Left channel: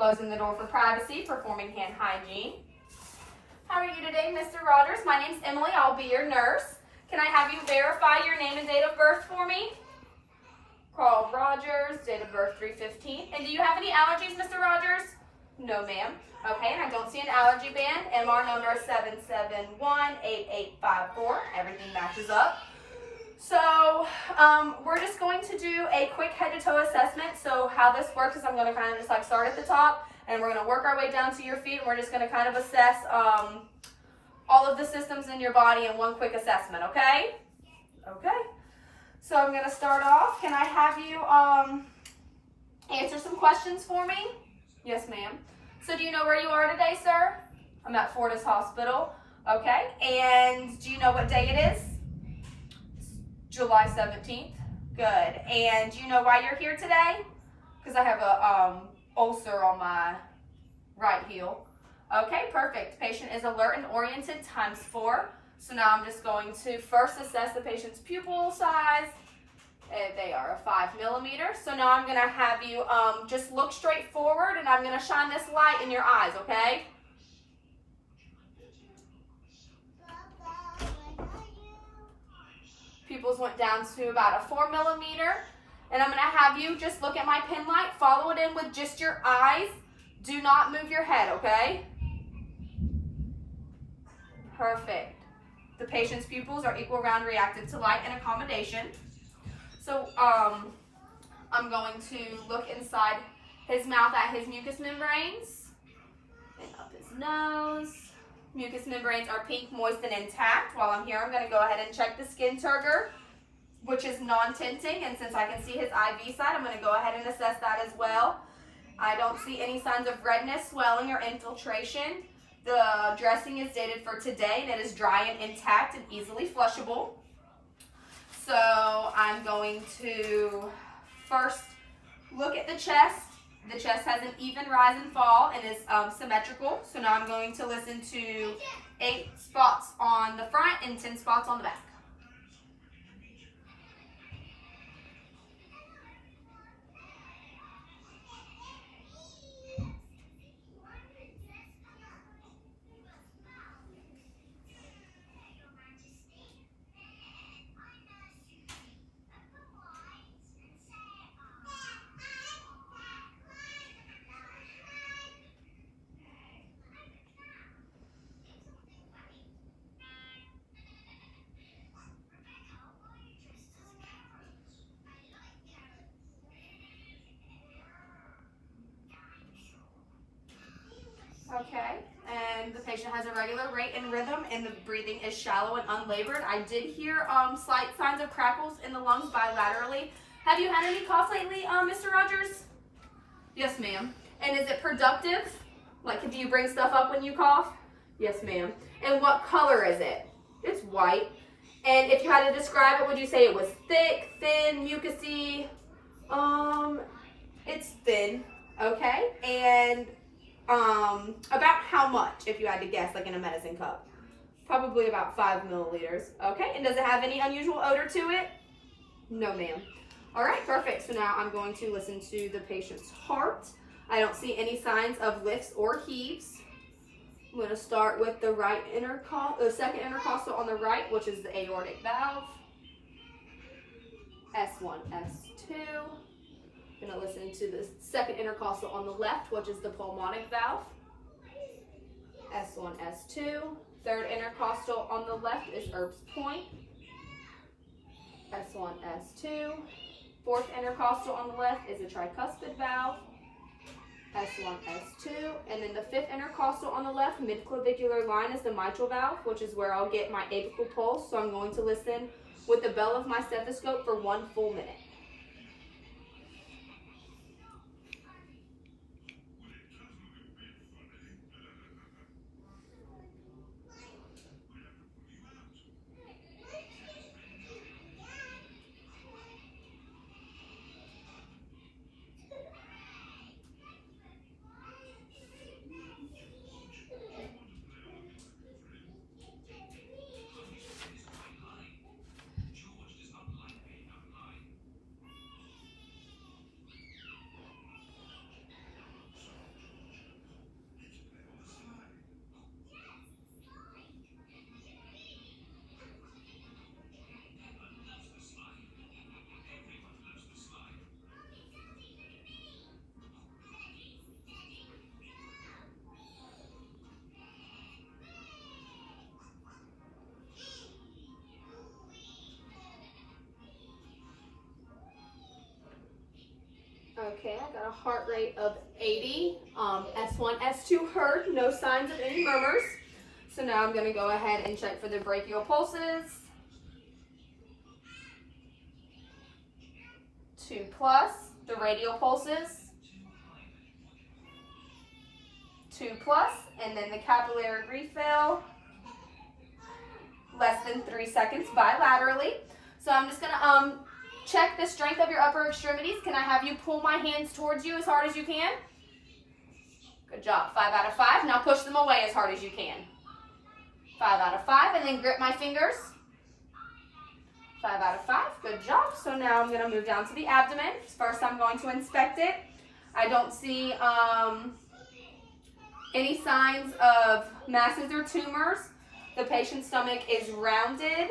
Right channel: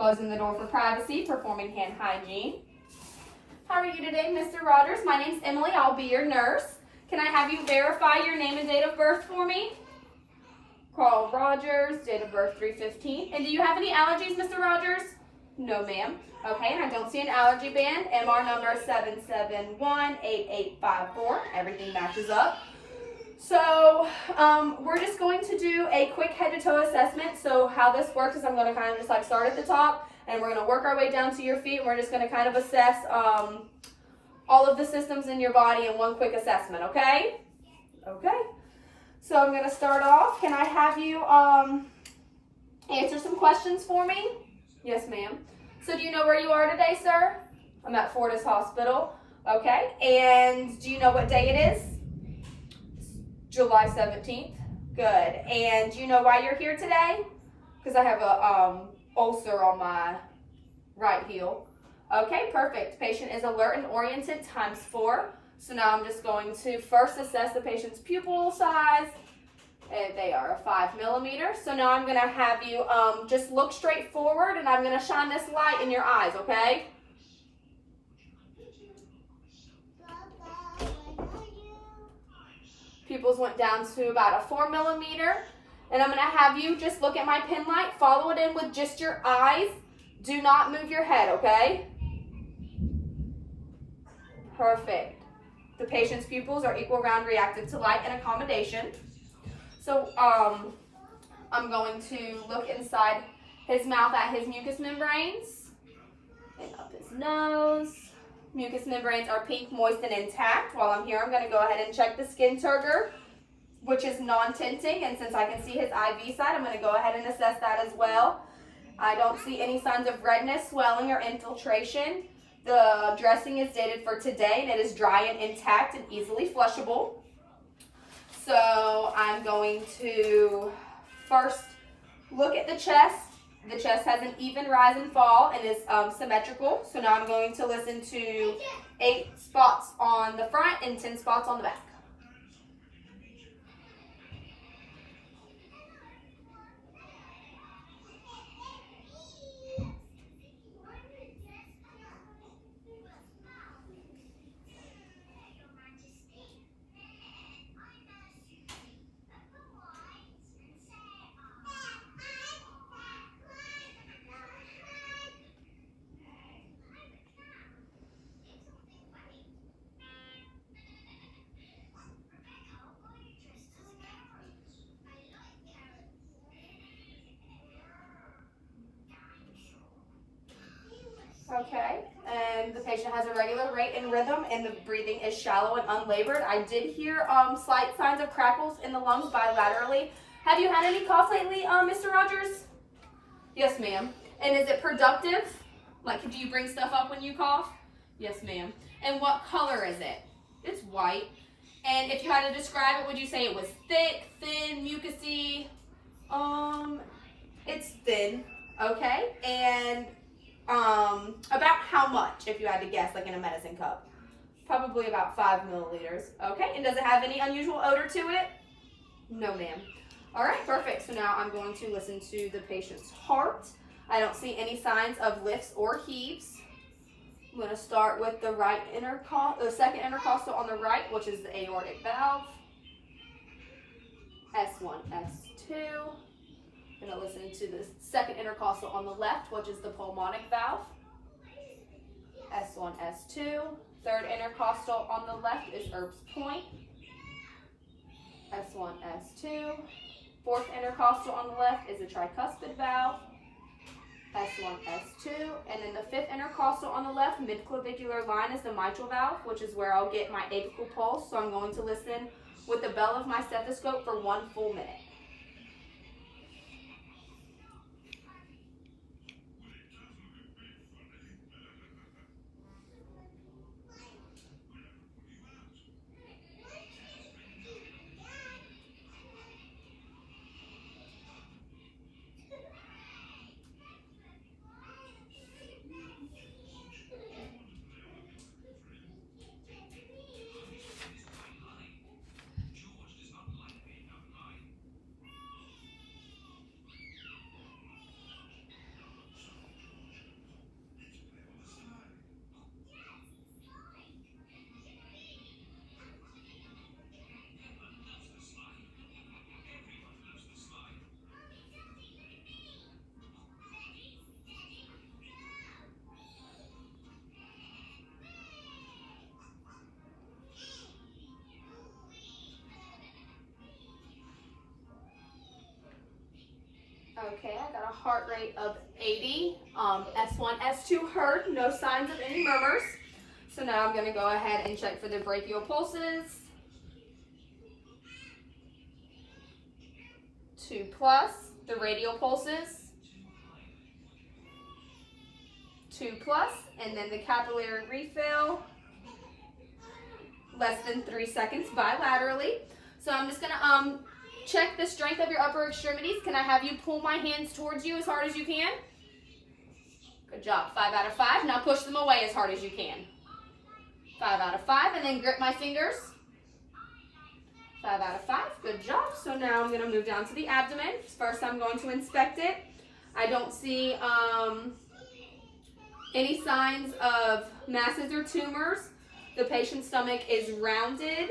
Closing the door for privacy, performing hand hygiene. How are you today, Mr. Rogers? My name's Emily. I'll be your nurse. Can I have you verify your name and date of birth for me? Carl Rogers, date of birth 3/15. And do you have any allergies, Mr. Rogers? No, ma'am. Okay, and I don't see an allergy band. MR number 7718854. Everything matches up. So we're just going to do a quick head to toe assessment. So how this works is I'm going to kind of just like start at the top and we're going to work our way down to your feet. And we're just going to kind of assess all of the systems in your body in one quick assessment, okay? Okay. So I'm going to start off. Can I have you answer some questions for me? Yes, ma'am. So do you know where you are today, sir? I'm at Fortis Hospital. Okay. And do you know what day it is? July 17th. Good. And do you know why you're here today? Because I have a ulcer on my right heel. Okay, perfect. Patient is alert and oriented ×4. So now I'm just going to first assess the patient's pupil size. And they are a 5 millimeter. So now I'm going to have you just look straight forward and I'm going to shine this light in your eyes, okay? Pupils went down to about a 4 millimeter. And I'm going to have you just look at my pin light, follow it in with just your eyes. Do not move your head, okay? Perfect. The patient's pupils are equal round reactive to light and accommodation. So I'm going to look inside his mouth at his mucous membranes and up his nose. Mucous membranes are pink, moist, and intact. While I'm here, I'm going to go ahead and check the skin turgor, which is non-tinting. And since I can see his IV side, I'm going to go ahead and assess that as well. I don't see any signs of redness, swelling, or infiltration. The dressing is dated for today, and it is dry and intact and easily flushable. So I'm going to first look at the chest. The chest has an even rise and fall and is symmetrical. So now I'm going to listen to 8 spots on the front and 10 spots on the back. Okay, and the patient has a regular rate and rhythm, and the breathing is shallow and unlabored. I did hear slight signs of crackles in the lungs bilaterally. Have you had any cough lately, Mr. Rogers? Yes, ma'am. And is it productive? Like, do you bring stuff up when you cough? Yes, ma'am. And what color is it? It's white. And if you had to describe it, would you say it was thick, thin, mucousy? It's thin. Okay, and about how much, if you had to guess, like in a medicine cup? Probably about 5 milliliters. Okay, and does it have any unusual odor to it? No, ma'am. All right, perfect. So now I'm going to listen to the patient's heart. I don't see any signs of lifts or heaves. I'm going to start with the second intercostal on the right, which is the aortic valve. S1, S2. I'm going to listen to the second intercostal on the left, which is the pulmonic valve. S1, S2. Third intercostal on the left is Erb's point. S1, S2. Fourth intercostal on the left is a tricuspid valve. S1, S2. And then the fifth intercostal on the left, midclavicular line, is the mitral valve, which is where I'll get my apical pulse. So I'm going to listen with the bell of my stethoscope for 1 full minute. Okay, I got a heart rate of 80. S1, S2 heard, no signs of any murmurs. So now I'm going to go ahead and check for the brachial pulses. 2+, the radial pulses. 2+, and then the capillary refill. Less than 3 seconds bilaterally. So I'm just going to check the strength of your upper extremities. Can I have you pull my hands towards you as hard as you can? Good job. 5 out of 5. Now push them away as hard as you can. 5 out of 5, and then grip my fingers. 5 out of 5. Good job. So now I'm going to move down to the abdomen. First, I'm going to inspect it. I don't see any signs of masses or tumors. The patient's stomach is rounded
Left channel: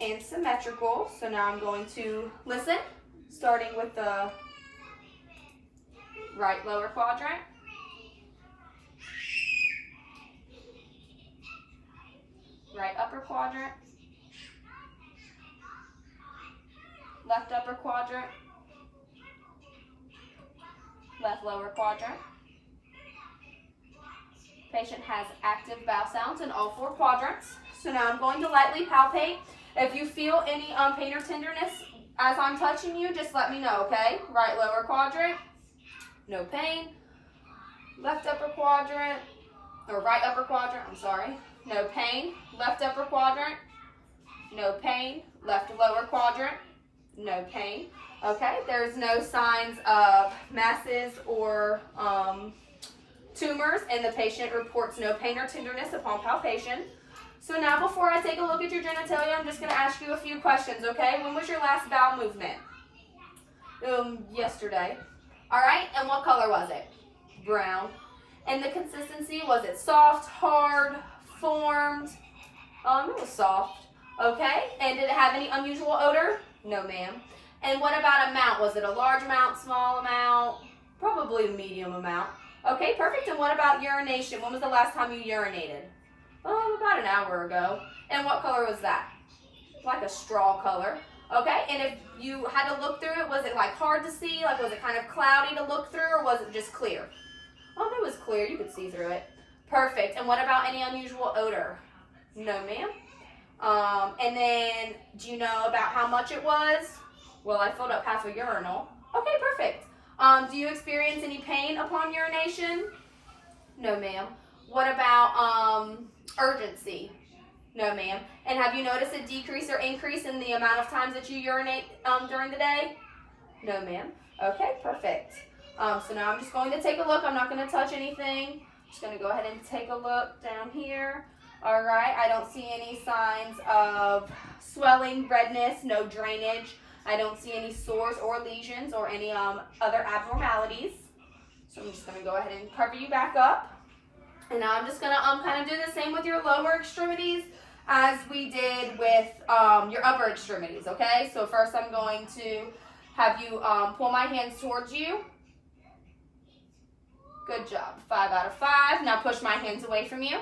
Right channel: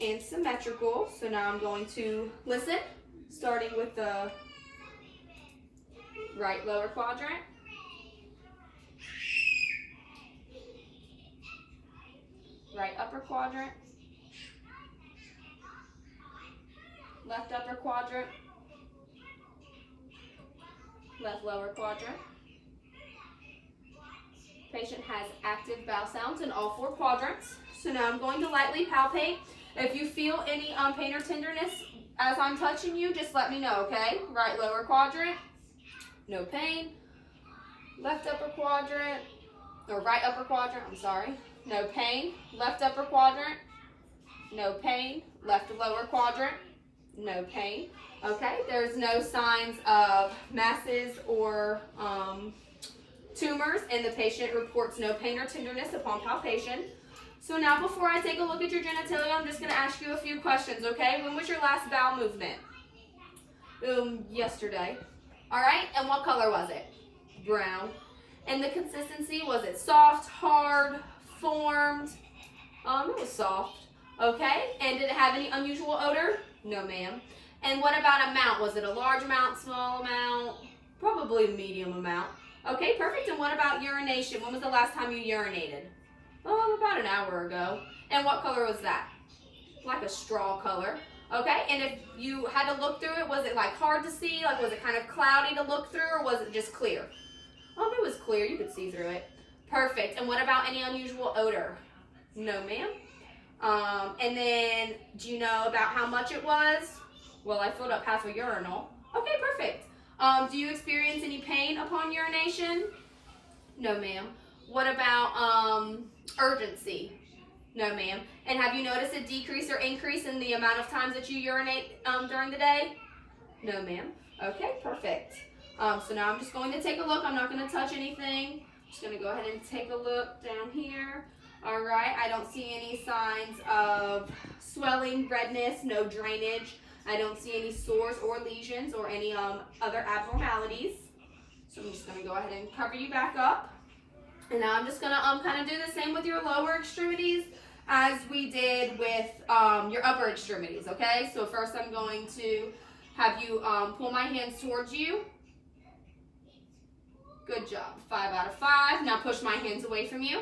and symmetrical. So now I'm going to listen, starting with the right lower quadrant. Right upper quadrant. Left upper quadrant. Left lower quadrant. Patient has active bowel sounds in all 4 quadrants. So now I'm going to lightly palpate. If you feel any pain or tenderness as I'm touching you, just let me know, okay? Right lower quadrant, no pain. Left upper quadrant, or right upper quadrant, I'm sorry, no pain. Left upper quadrant, no pain. Left lower quadrant, no pain. Okay, there's no signs of masses or tumors, and the patient reports no pain or tenderness upon palpation. So now before I take a look at your genitalia, I'm just going to ask you a few questions, okay? When was your last bowel movement? Yesterday. All right, and what color was it? Brown. And the consistency, was it soft, hard, formed? It was soft. Okay, and did it have any unusual odor? No, ma'am. And what about amount? Was it a large amount, small amount? Probably a medium amount. Okay, perfect. And what about urination? When was the last time you urinated? About an hour ago. And what color was that? Like a straw color. Okay, and if you had to look through it, was it like hard to see? Like was it kind of cloudy to look through, or was it just clear? It was clear. You could see through it. Perfect. And what about any unusual odor? No, ma'am. And then, do you know about how much it was? Well, I filled up half a urinal. Okay, perfect. Do you experience any pain upon urination? No, ma'am. What about urgency? No, ma'am. And have you noticed a decrease or increase in the amount of times that you urinate during the day? No, ma'am. Okay, perfect. So now I'm just going to take a look. I'm not going to touch anything. I'm just going to go ahead and take a look down here. All right, I don't see any signs of swelling, redness, no drainage. I don't see any sores or lesions or any other abnormalities. So I'm just going to go ahead and cover you back up. And now I'm just going to kind of do the same with your lower extremities as we did with your upper extremities, okay? So first I'm going to have you pull my hands towards you. Good job. 5 out of 5. Now push my hands away from you.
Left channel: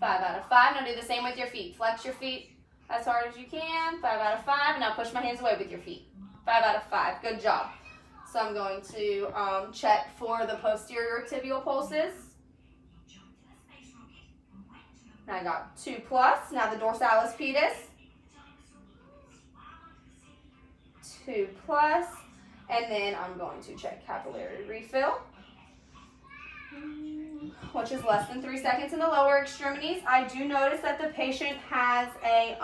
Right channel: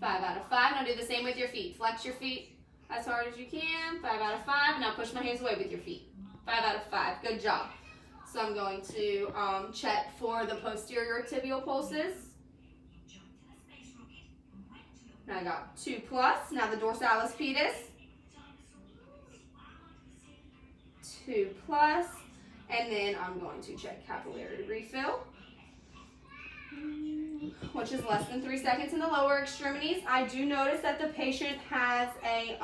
5 out of 5. Now do the same with your feet. Flex your feet as hard as you can. 5 out of 5. Now push my hands away with your feet. 5 out of 5. Good job. So I'm going to check for the posterior tibial pulses. Now I got 2+. Now the dorsalis pedis. 2+. And then I'm going to check capillary refill, which is less than 3 seconds in the lower extremities. I do notice that the patient has a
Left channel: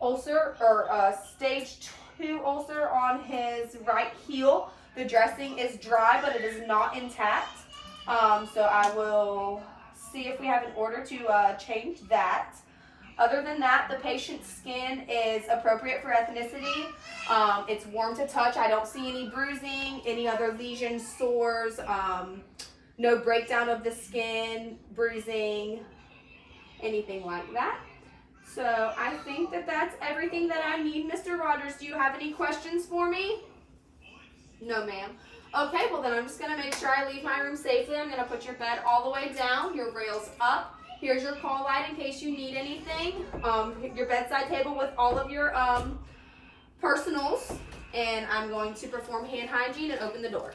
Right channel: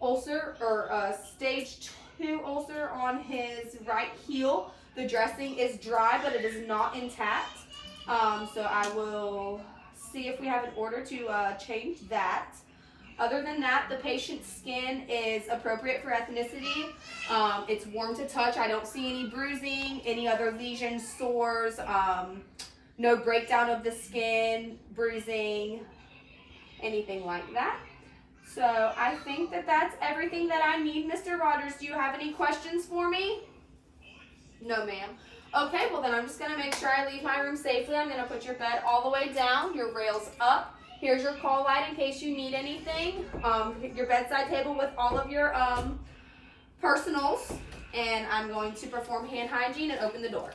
ulcer, or a stage 2 ulcer on his right heel. The dressing is dry, but it is not intact. So I will see if we have an order to change that. Other than that, the patient's skin is appropriate for ethnicity. It's warm to touch. I don't see any bruising, any other lesions, sores, no breakdown of the skin, bruising, anything like that. So I think that that's everything that I need. Mr. Rogers, do you have any questions for me? No, ma'am. Okay, well then I'm just going to make sure I leave my room safely. I'm going to put your bed all the way down, your rails up. Here's your call light in case you need anything. Your bedside table with all of your personals. and I'm going to perform hand hygiene and open the door.